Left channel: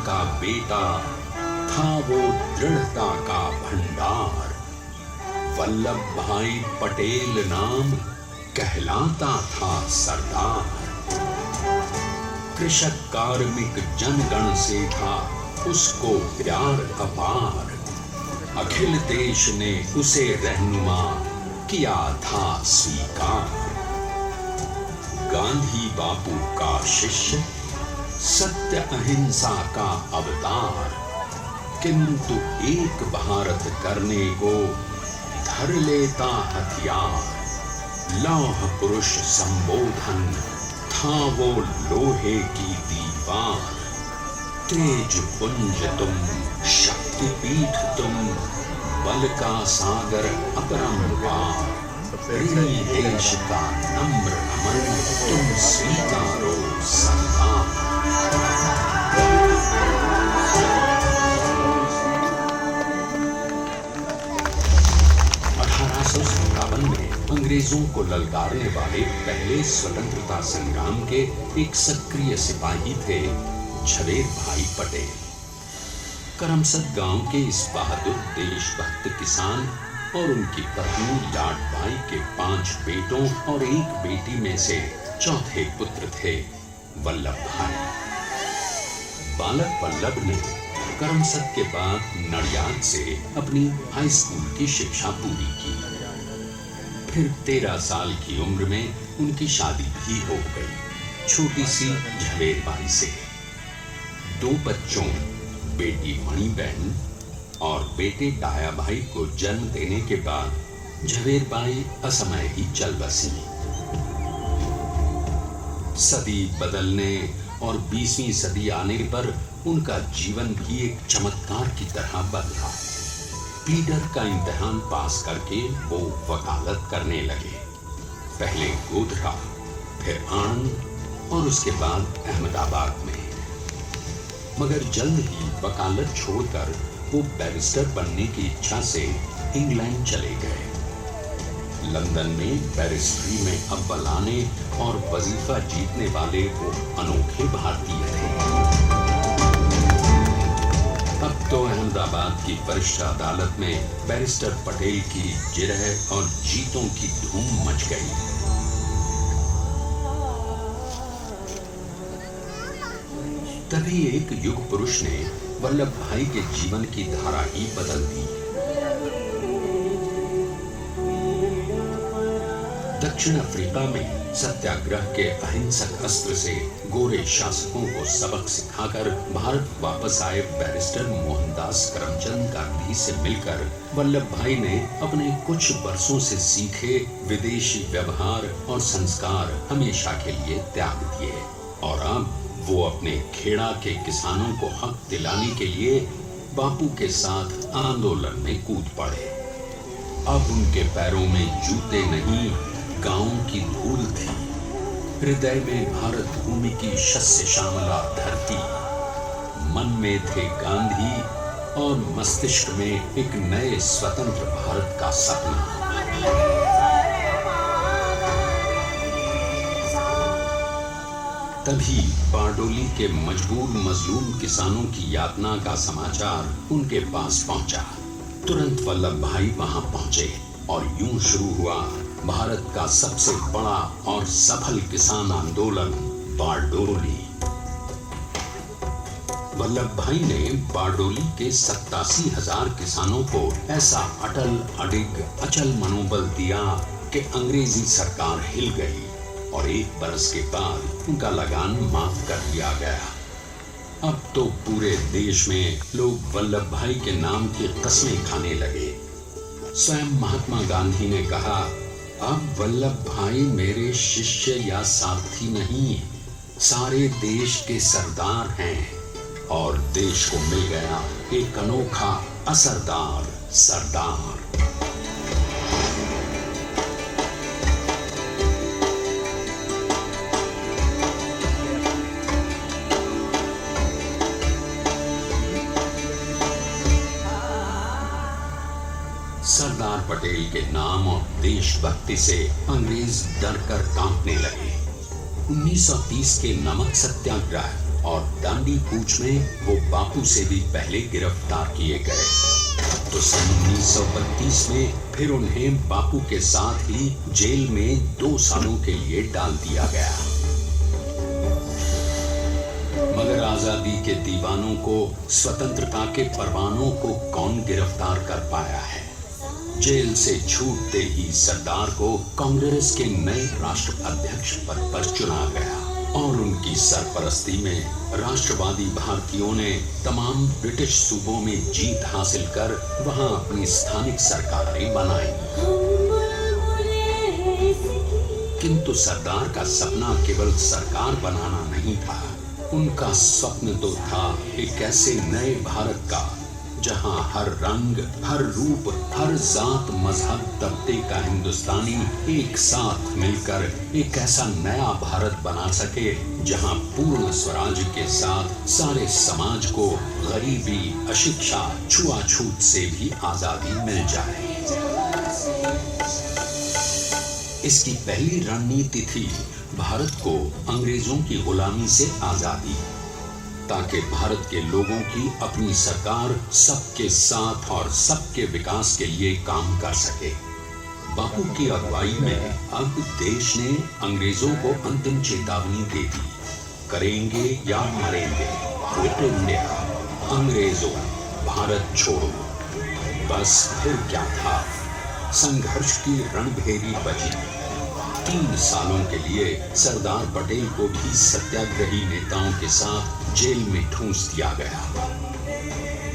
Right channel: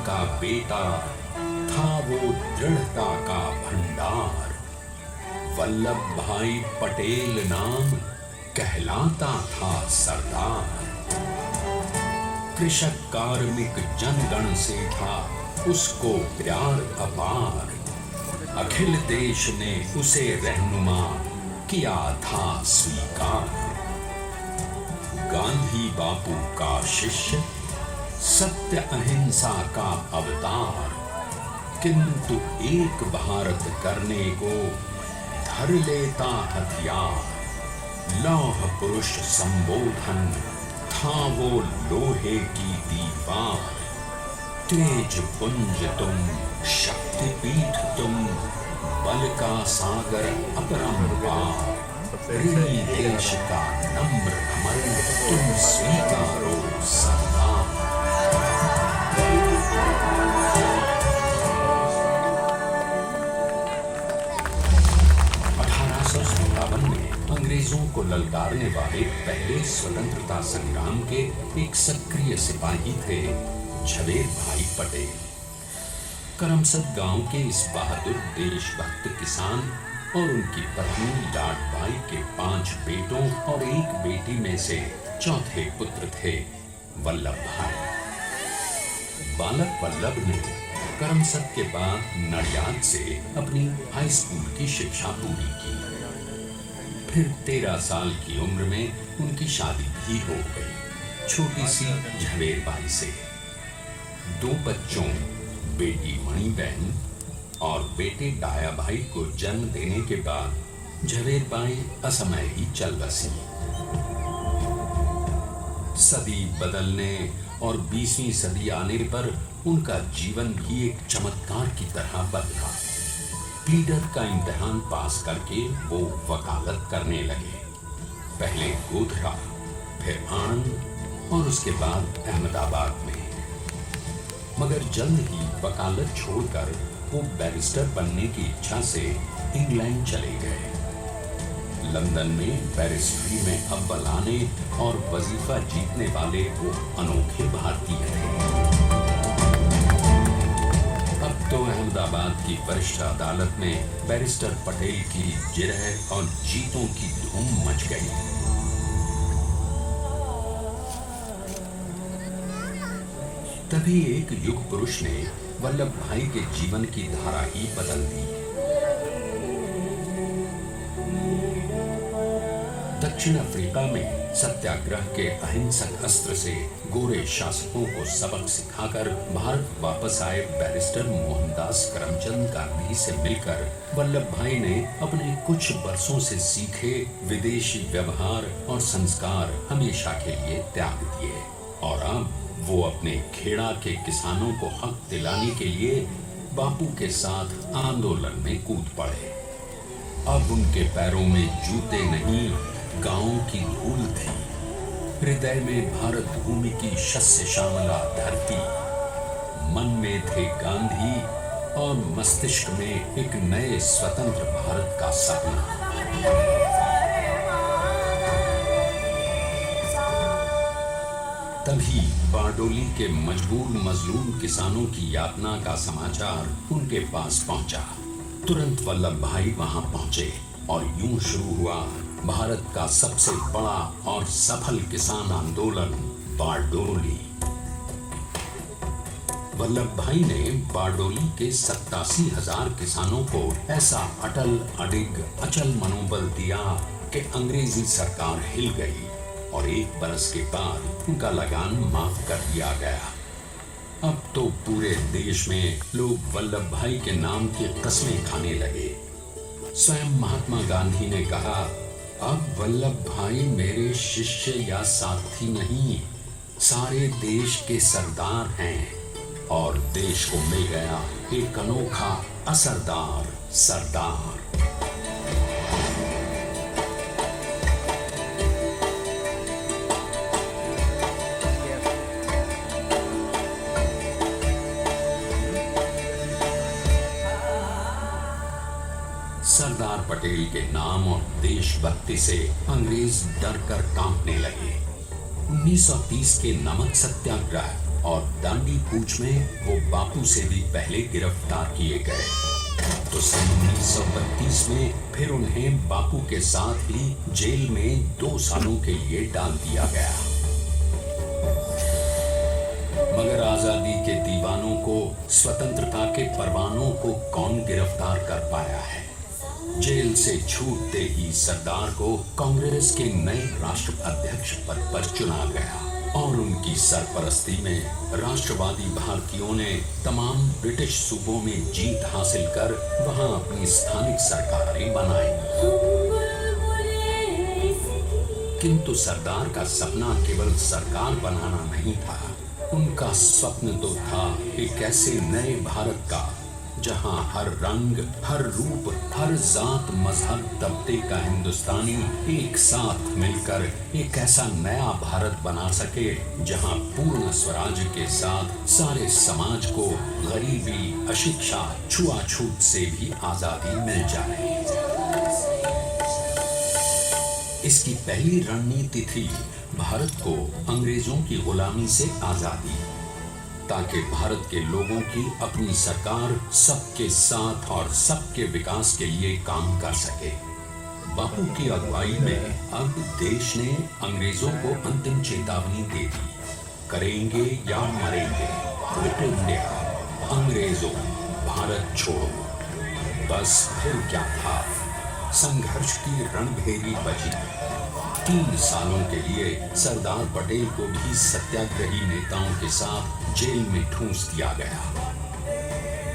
का बेटा, था वो दृढ़ता का भंडार। वल्लभ भाई पटेल नाम कहलाता था सरदार। कृषक कार्मिक जनगण से था उसको प्यार अपार। अखिल देश ने उसे रहनुमा किया था स्वीकार। गांधी बापू का शिष्य, सत्य अहिंसा का अवतार। किंतु एक भारत करने को धर लेता हथियार। लौह पुरुष संबोधन था वो लोहे की दीवार। तेज पुंज तुम, शक्तिपीठ तुम, बल का सागर अपरंपार। ऋणी देश का नम्र अमर, तुम स्वीकारो सम्मान। 1857 में अंग्रेजों को ललकारने वाले पहले स्वतंत्रता संग्राम के एक सक्रिय सिपाही थे झवेर भाई पटेल। करमसद गांव के इस बहादुर देशभक्त किसान और उनकी पत्नी लाडबाई के 5 बेटों और 1 बेटी में से चौथे पुत्र थे वल्लभ भाई। बालक वल्लभ ने करमसद के बाद नडियाद से अपनी हाई स्कूल की शिक्षा पूरी की। फिर 13 साल की उम्र में उनकी शादी भी हो गई, छोटी सी झवेर बाई से। 2 बच्चों, बेटी मणिबहन और बेटे डाया भाई को जन्म देने के बाद झवेर बाई असमय ही चल बसी। सदी बदलने और 20वीं सदी आने पर उनका जीवन भी एक चमत्कार की तरह बदला। प्लीडर का इम्तिहान पास करके वो वकालत करने लगे। पहले गोधरा, फिर आणंद और उसके बाद अहमदाबाद में। मगर जल्द ही वकालत छोड़कर वो बैरिस्टर बनने की इच्छा से इंग्लैंड चले गए। लंदन में बैरिस्ट्री में अव्वल आने और वजीफा जीतने वाले वो अनोखे भारतीय थे। अब तो अहमदाबाद की वरिष्ठ अदालत में बैरिस्टर पटेल की जिरह और जीतों की धूम मच गई। तभी एक युग पुरुष ने वल्लभ भाई के जीवन की धारा ही बदल दी। दक्षिण अफ्रीका में सत्याग्रह के अहिंसक अस्त्र से गोरे शासकों को सबक सिखाकर भारत वापस आए बैरिस्टर मोहनदास करमचंद गांधी से मिलकर वल्लभ भाई ने अपने कुछ बरसों से सीखे विदेशी व्यवहार और संस्कार हमेशा के लिए त्याग दिए और अब वो अपने खेड़ा के किसानों को हक दिलाने के लिए बापू के साथ आंदोलन में कूद पड़े। अब उनके पैरों में जूते नहीं, गांव की धूल थी। हृदय में भारत भूमि की शस्य श्यामला धरती। मन में थे गांधी और मस्तिष्क में एक नए स्वतंत्र भारत का सपना। तभी बारडोली के मजबूर मजलूम किसानों की यातना का समाचार उनके पास पहुंचा। तुरंत वल्लभ भाई वहां पहुंचे और यूं शुरू हुआ भारत का सबसे बड़ा और सफल किसान आंदोलन बारडोली। वल्लभ भाई ने बारडोली के 87,000 किसानों को ऐसा अटल अडिग अचल मनोबल दिया कि अंग्रेजी सरकार हिल गई और 1 बरस के बाद उनका लगान माफ कर दिया गया। अब तो पूरे देश में लोग वल्लभ भाई के नाम की कस्में खाने लगे। स्वयं महात्मा गांधी ने कहा, अब वल्लभ भाई मेरे शिष्य या साथी नहीं, सारे देश के सरदार हैं और देश को मिल गया एक अनोखा असरदार सरदार। सरदार पटेल के नाम और देशभक्ति से अंग्रेज डर कर कांपने लगे। 1930 के नमक सत्याग्रह और दांडी कूच में वो बापू से भी पहले गिरफ्तार किए गए। तो सन 1932 में फिर उन्हें बापू के साथ ही जेल में 2 सालों के लिए डाल दिया गया। मगर आजादी के दीवानों को स्वतंत्रता के परवानों को कौन गिरफ्तार कर पाया है। जेल से छूटते ही सरदार को कांग्रेस के नए राष्ट्राध्यक्ष पद पर चुना गया और उनकी सरपरस्ती में राष्ट्रवादी भारतीयों ने तमाम ब्रिटिश सूबों में जीत हासिल कर वहां अपनी स्थानिक सरकारें बनाई। किंतु सरदार का सपना केवल सरकार बनाना नहीं था। उनका स्वप्न तो था एक ऐसे नए भारत का जहां हर रंग, हर रूप, हर जात, मजहब, तबके का हिंदुस्तानी एक साथ मिलकर एक ऐसा नया भारत बना सके जहां पूर्ण स्वराज के साथ सारे समाज को गरीबी, अशिक्षा, छुआछूत से भी आजादी मिल जाए। इसकी पहली रणनीति थी भारत को अंग्रेजों की गुलामी से आजादी, ताकि भारत के लोगों की अपनी सरकार सबके साथ और सबके विकास के लिए काम कर सके। बापू की अगुवाई में अब देश ने अंग्रेजों को अंतिम चेतावनी दे दी, करेंगे या मरेंगे, क्विट इंडिया, अंग्रेजों भारत छोड़ो। बस फिर क्या था, संघर्ष की रणभेरी बजी। 3 सालों के लिए सरदार पटेल को भी सत्याग्रही नेताओं के साथ जेल में ठूंस दिया गया।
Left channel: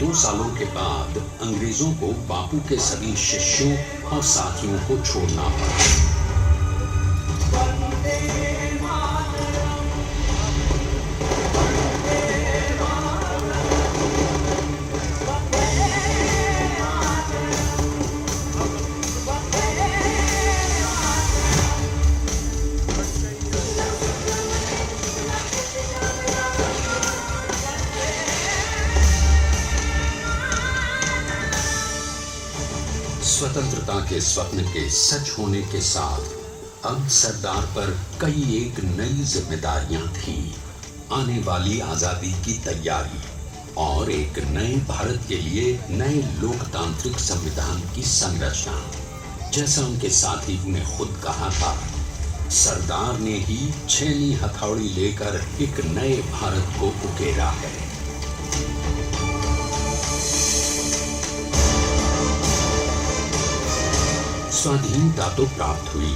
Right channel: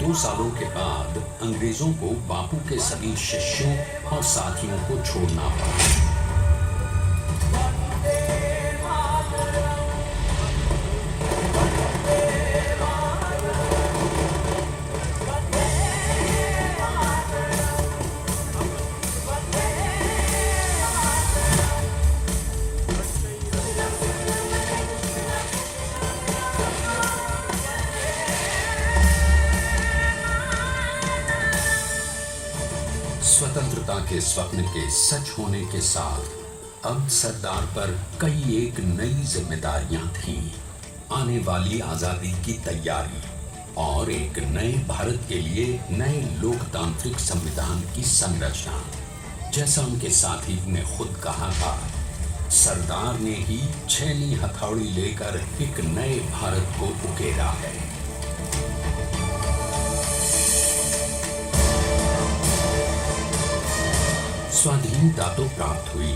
2 सालों के बाद अंग्रेजों को बापू के सभी शिष्यों और साथियों को छोड़ना पड़ा। स्वतंत्रता के स्वप्न के सच होने के साथ अब सरदार पर कई एक नई जिम्मेदारियां थीं। आने वाली आजादी की तैयारी और एक नए भारत के लिए नए लोकतांत्रिक संविधान की संरचना। जैसा उनके साथी ने खुद कहा था, सरदार ने ही 6वीं हथौड़ी लेकर एक नए भारत को उकेरा है। स्वाधीनता तो प्राप्त हुई,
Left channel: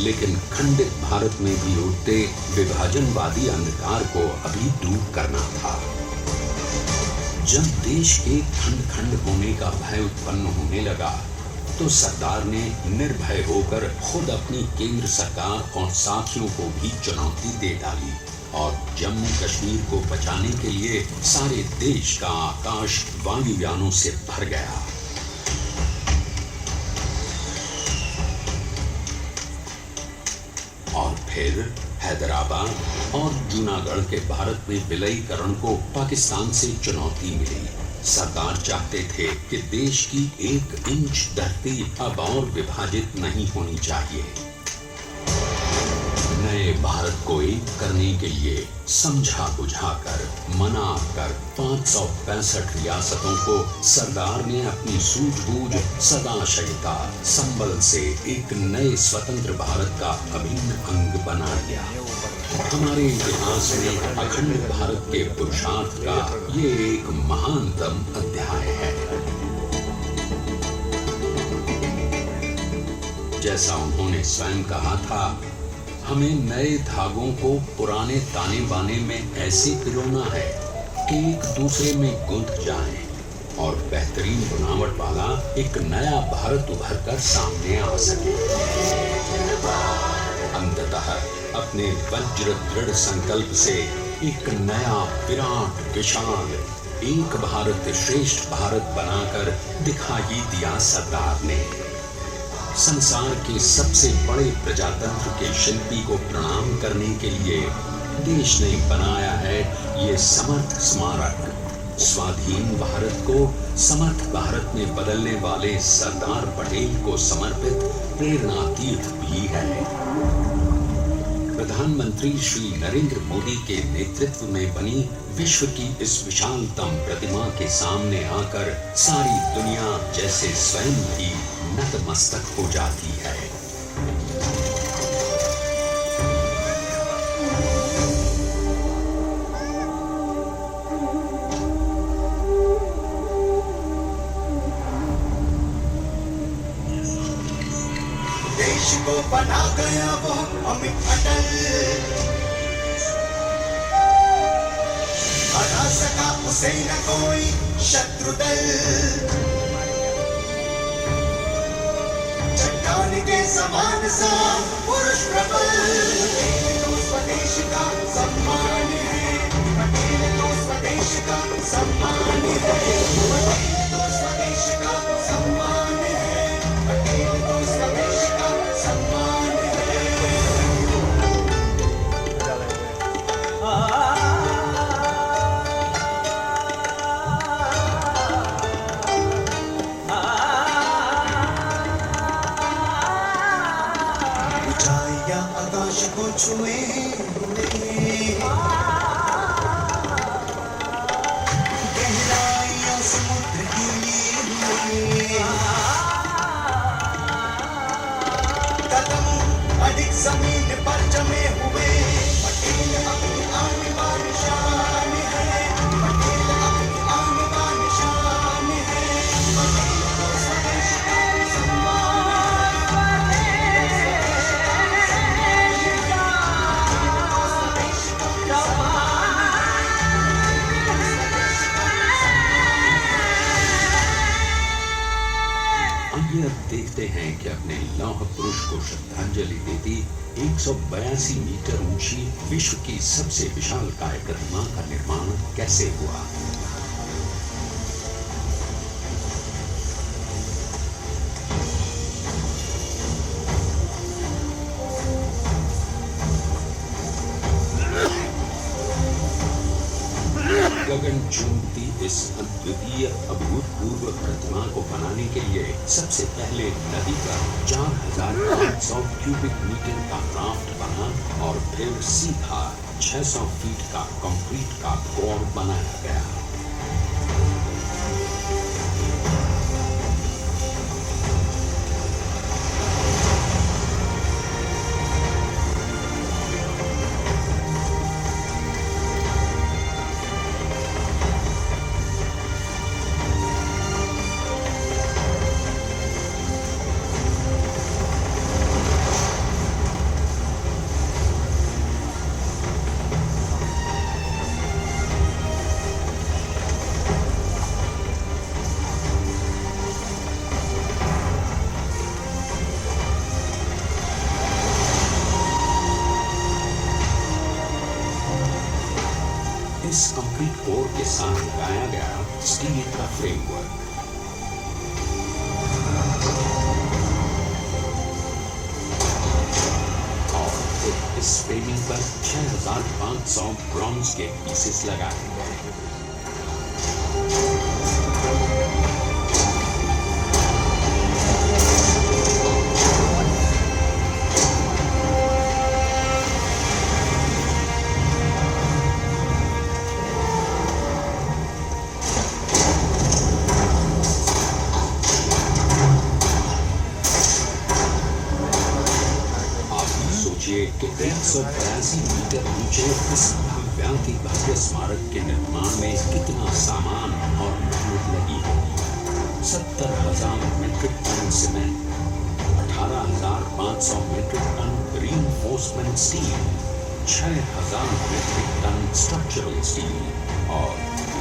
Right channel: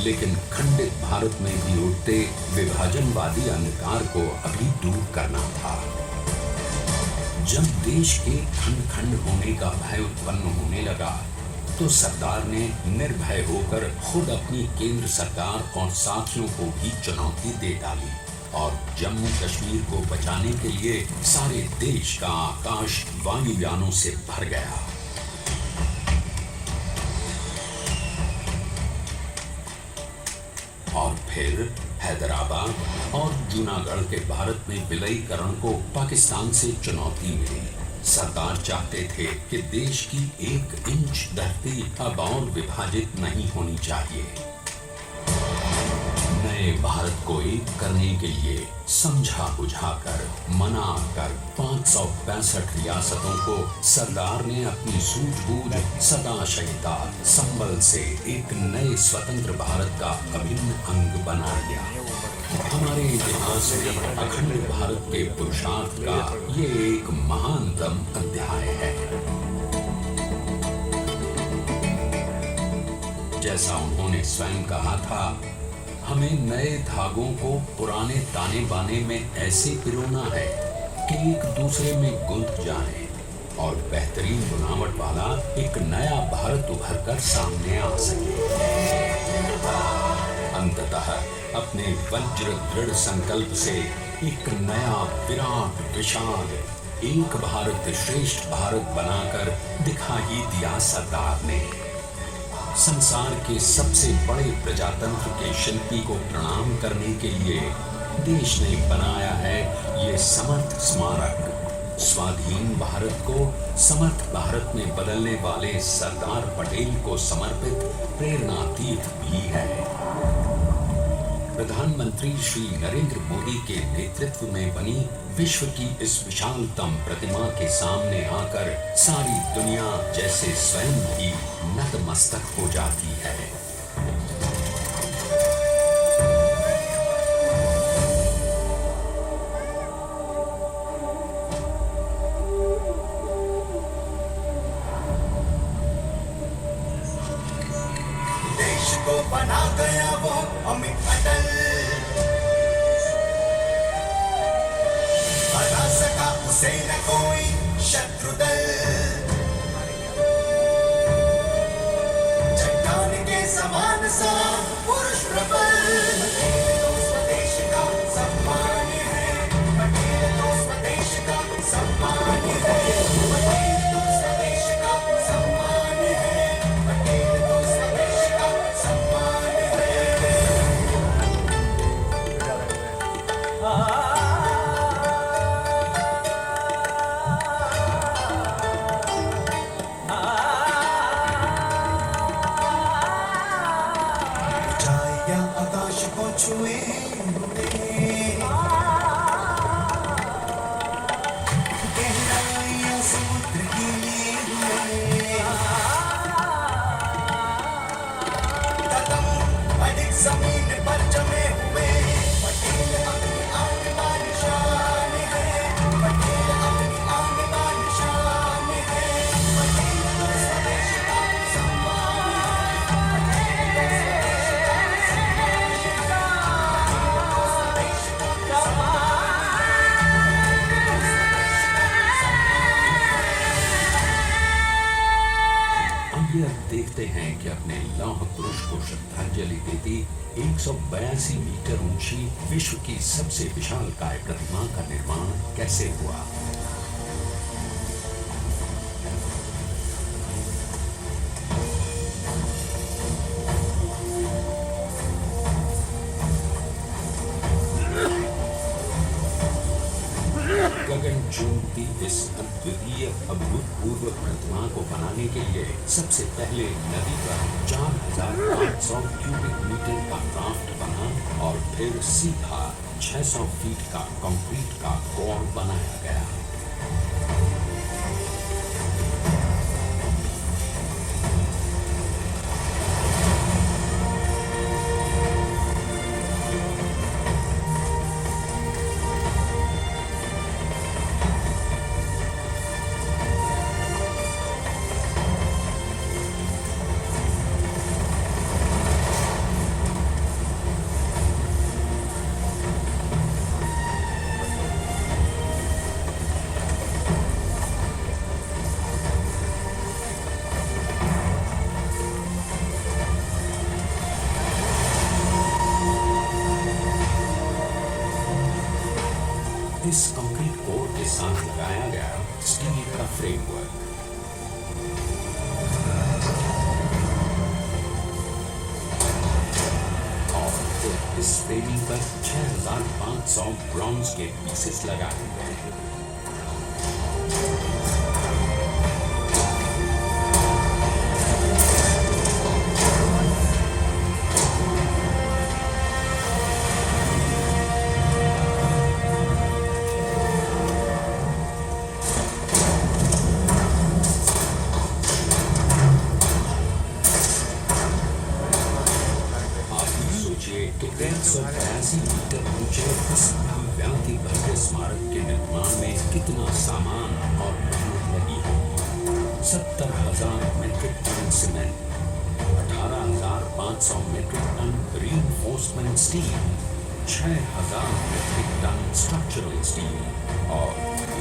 लेकिन खंडित भारत में भी उठते विभाजनवादी अंधकार को अभी दूर करना था। जब देश के खंड खंड होने का भय उत्पन्न होने लगा, तो सरदार ने निर्भय होकर खुद अपनी केंद्र सरकार और साथियों को भी चुनौती दे डाली और जम्मू कश्मीर को बचाने के लिए सारे देश का आकाश वायुयानों से भर गया। फिर हैदराबाद और जूनागढ़ के भारत में विलयीकरण को पाकिस्तान से चुनौती मिली। सरदार चाहते थे कि देश की 1 इंच धरती अब और विभाजित नहीं होनी चाहिए। नए भारत को एक करने के लिए समझा बुझाकर मना कर 565 रियासतों को सरदार ने अपनी सूझबूझ, सदाशयता, संबल से एक नए स्वतंत्र भारत का अभिन्न अंग बना दिया। हमारे इतिहास में अखंड भारत के पुरुषार्थ का ये एक महानतम अध्याय है। जैसा उन्होंने स्वयं कहा था, हमें नए धागों को पुराने ताने बाने में ऐसे पिरोना है कि एक दूसरे में गुंथ जाए और बेहतरीन बनावट वाला एक नया भारत उभर कर सामने आ सके। अंततः अपने वज्र दृढ़ संकल्प से एक नया विराट विशाल एक भारत श्रेष्ठ भारत बनाकर दिखा ही दिया सरदार ने। संसार के सबसे बड़े प्रजातंत्र के शिल्पी को प्रणाम करने के लिए देश ने बनाया है ये समर्थ स्मारक। स्वाधीन भारत को समर्थ भारत में बदलने वाले सरदार पटेल को समर्पित प्रेरणा तीर्थ भी है। प्रधानमंत्री श्री नरेंद्र मोदी के नेतृत्व में बनी विश्व की इस विशालतम प्रतिमा के सामने आकर सारी दुनिया जैसे स्वयं ही नतमस्तक हो जाती है। देश को बना गया वो अमित अटल, हरा सका उसे न कोई शत्रु दल। चट्टान के समान सा पुरुष प्रबल, तो स्वदेश का सम्मान है, तो स्वदेश का सम्मान है, तो स्वदेश का सम्मान है, तो स्वदेश का सम्मान है। ऊंचाइयां आकाश को छुए, गहराइयां समुद्र की लिए, कदम अधिक जमीन पर जमे हुए, पटेल अपनी आन बान शान है, पटेल अपनी आन बान शान है, पटेल तो स्वदेश का सम्मान है, स्वदेश का सम्मान आइए अब देखते हैं कि अपने लौह पुरुष को श्रद्धांजलि देती 182 मीटर ऊंची विश्व की सबसे विशालकाय प्रतिमा का निर्माण कैसे हुआ। गगन चुंबती इस अद्वितीय अभूतपूर्व प्रतिमा को बनाने के लिए सबसे पहले नदी का 4500 क्यूबिक मीटर का राफ्ट बना और फिर सीधा 600 फीट का कंक्रीट का कोर बनाया गया। इस कंक्रीट कोर के साथ लगाया गया स्टील का फ्रेमवर्क। और फिर इस फ्रेमिंग पर 6500 ब्रॉन्ज के पीसेस लगाए। कि 182 मीटर ऊंचे इस भव्य भव्य स्मारक के निर्माण में कितना सामान और मेहनत लगी है। 70,000 metric ton cement, 18,500 metric ton reinforcement steel, 6,000 metric ton structural steel और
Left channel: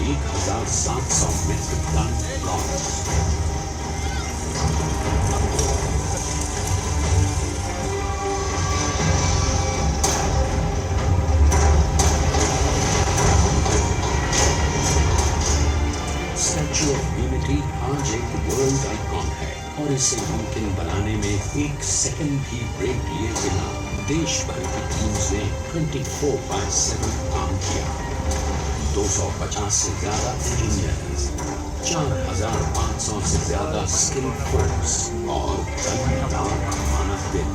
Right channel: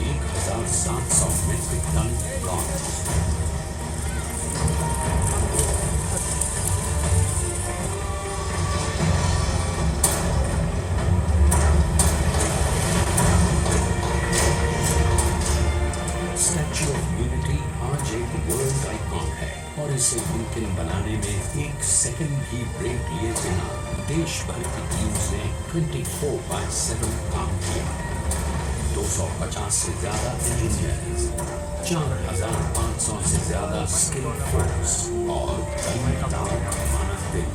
1,700 metric ton bronze. Statue of Unity आज एक वर्ल्ड आइकॉन है और इसे मुमकिन बनाने में एक सेकंड भी ब्रेक लिए बिना देश भर की टीम्स ने 24/7 काम किया। 250 से ज्यादा इंजीनियर्स, 4,500 से ज्यादा स्किल्ड फोर्स और 10 लाख मानव दिन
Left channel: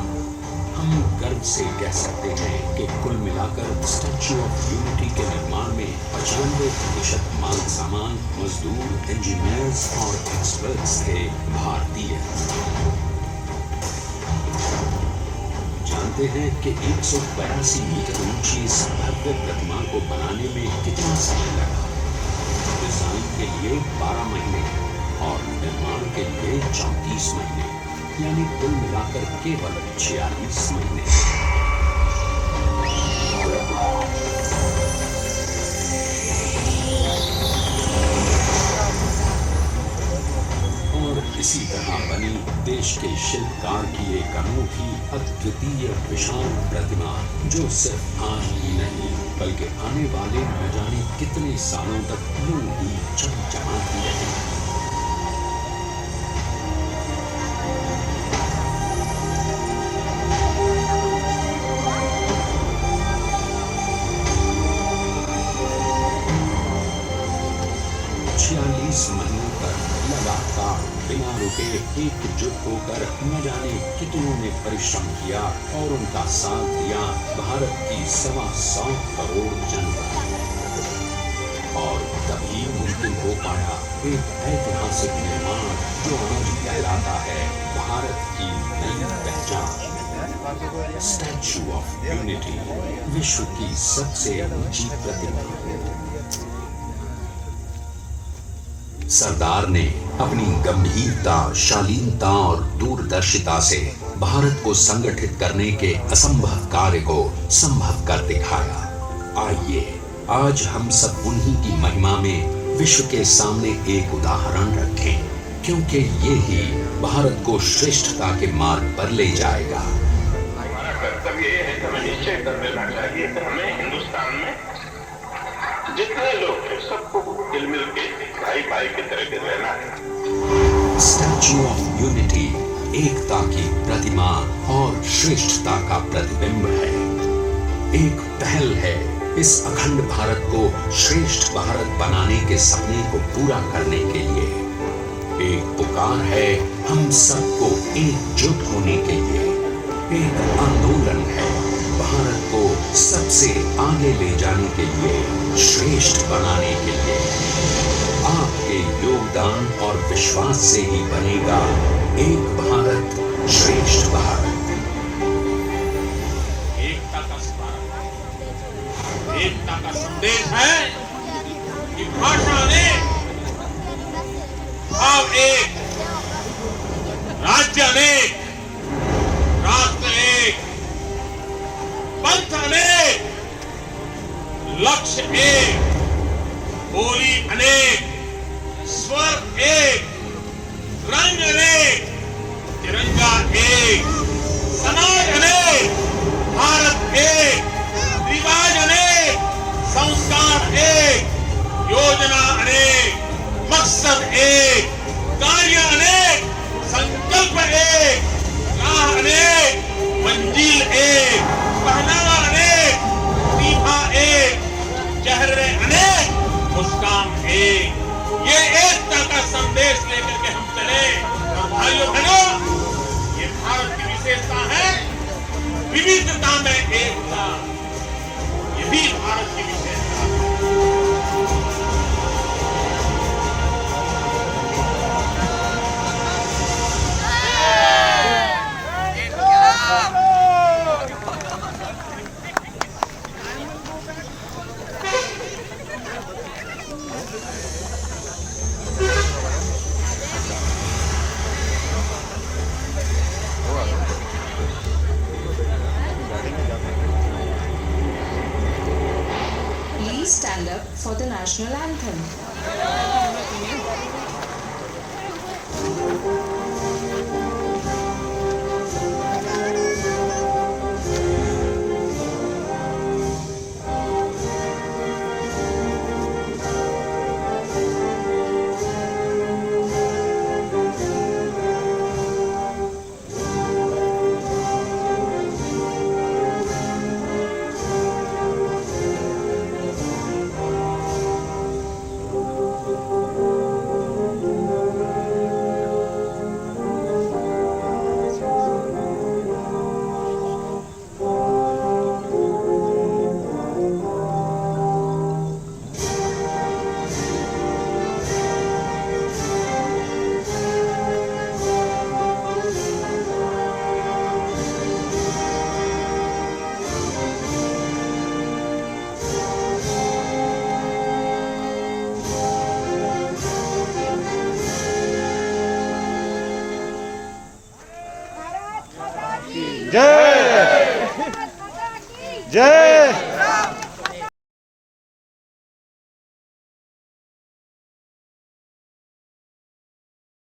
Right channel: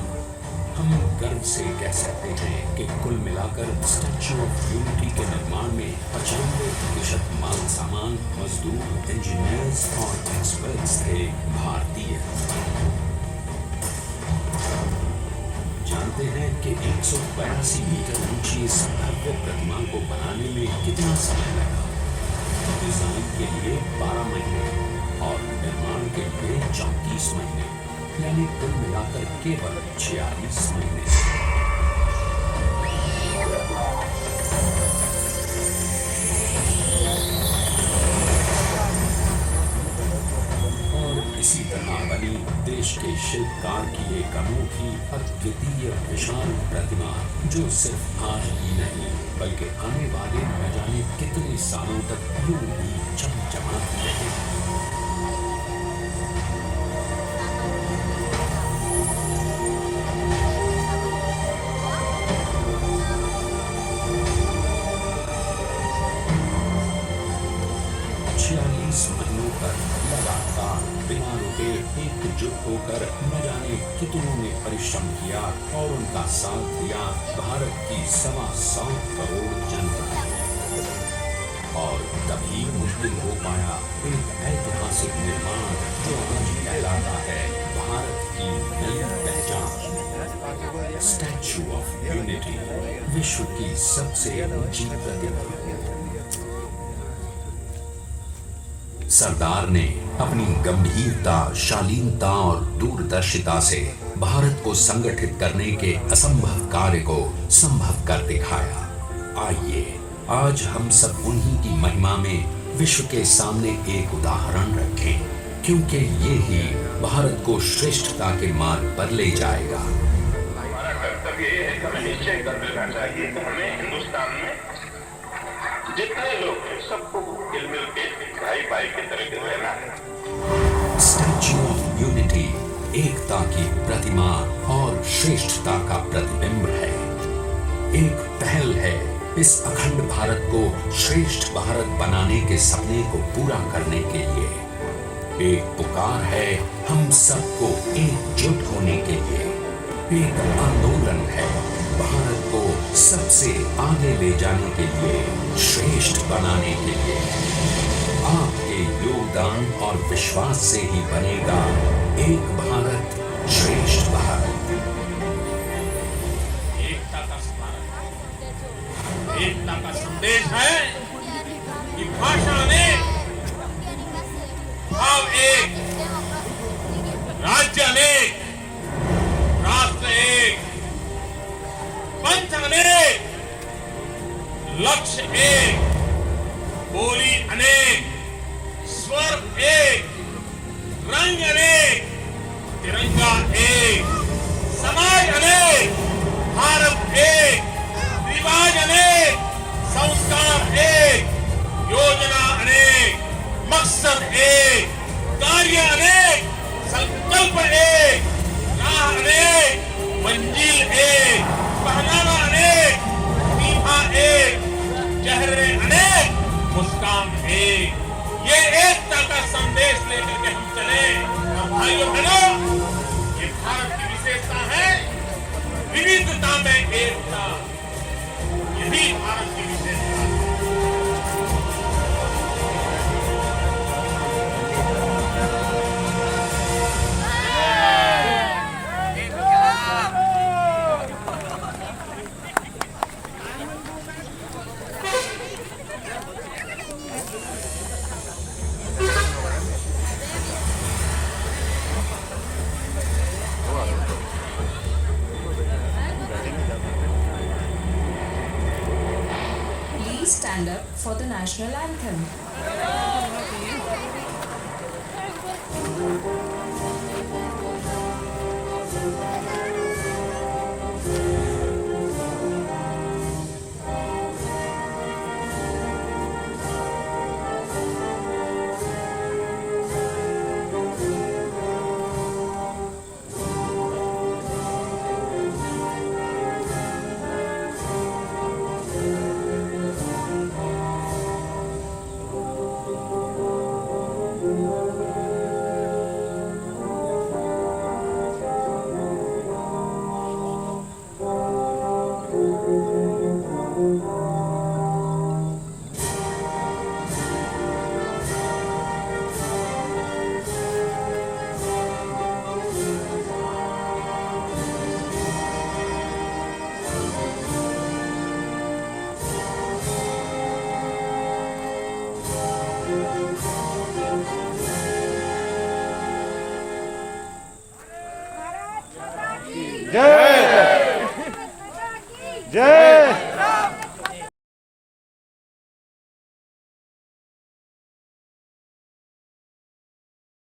हम गर्व से कह सकते हैं कि कुल मिलाकर स्टैच्यू ऑफ यूनिटी के निर्माण में 95% माल सामान, मजदूर, इंजीनियर्स और एक्सपर्ट्स थे भारतीय। जानते हैं कि 182 मीटर ऊंची इस भव्य प्रतिमा को बनाने में कितना समय लगा? डिजाइन के लिए 12 महीने और निर्माण के लिए 34 महीने, यानी कुल मिलाकर केवल 46 महीने। और इसी तरह बनी देश के शिल्पकार की एक अनूठी, अद्वितीय, विशाल प्रतिमा, जो सिर्फ आज ही नहीं बल्कि आने वाले न जाने कितने सालों तक यूं ही चमचमाती रहेगी। महीनों तक लगातार बिना रुके एकजुट होकर न जाने कितनों ने परिश्रम किया और उनका साथ दिया भारत की 125 करोड़ जनता ने। और तभी मुमकिन हो पाया एक ऐतिहासिक निर्माण जो आज कहलाता है भारत की नई पहचान, स्टैच्यू ऑफ यूनिटी, विश्व की सबसे ऊंची प्रतिमा। सरदार ने अपनी गंभीरता, शालीनता और दूरदर्शिता से भारत को संगठित करने के असंभव कार्य को संभव कर दिखाया। आइए आज हम सब उन्हीं की महिमा में विश्व के सामने एक उदाहरण रखें, क्योंकि ये ही भारत को श्रेष्ठता के मार्ग पर ले जाएगा। हमारा कर्तव्य ये है कि हमें निश्चय कर लेना चाहिए कि हमें हिंदुस्तान में जितने लोग हैं सबको मिल के भाई भाई की तरह रहना है। स्टैच्यू ऑफ यूनिटी एकता की प्रतिमा और श्रेष्ठता का प्रतिबिंब है। एक पहल है इस अखंड भारत को श्रेष्ठ भारत बनाने के सपने को पूरा करने के लिए। एक पुकार है हम सबको एकजुट होने के लिए। एक आंदोलन है भारत को सबसे आगे ले जाने के लिए, श्रेष्ठ बनाने के लिए। आपके योगदान और विश्वास से ही बनेगा एक भारत श्रेष्ठ भारत। एकता का एकता का संदेश है कि भाषा अनेक, भाव एक, राज्य अनेक, राष्ट्र एक, पंथ अनेक, लक्ष्य एक, बोली अनेक, स्वर एक, रंग अनेक, तिरंगा एक, समाज अनेक, भारत एक, रिवाज अनेक, संस्कार एक, योजना अनेक, मकसद एक, कार्य अनेक, संकल्प एक, राह अनेक, मंजिल एक, पहनावा अनेक, सीमा एक, चेहरे अनेक, मुस्कान एक। ये एकता का संदेश लेकर के हम चले। भाइयों बहनों, ये भारत की विशेषता है, विविधता में एकता। यही भारत की विशेषता है। बैठेंगे जय जय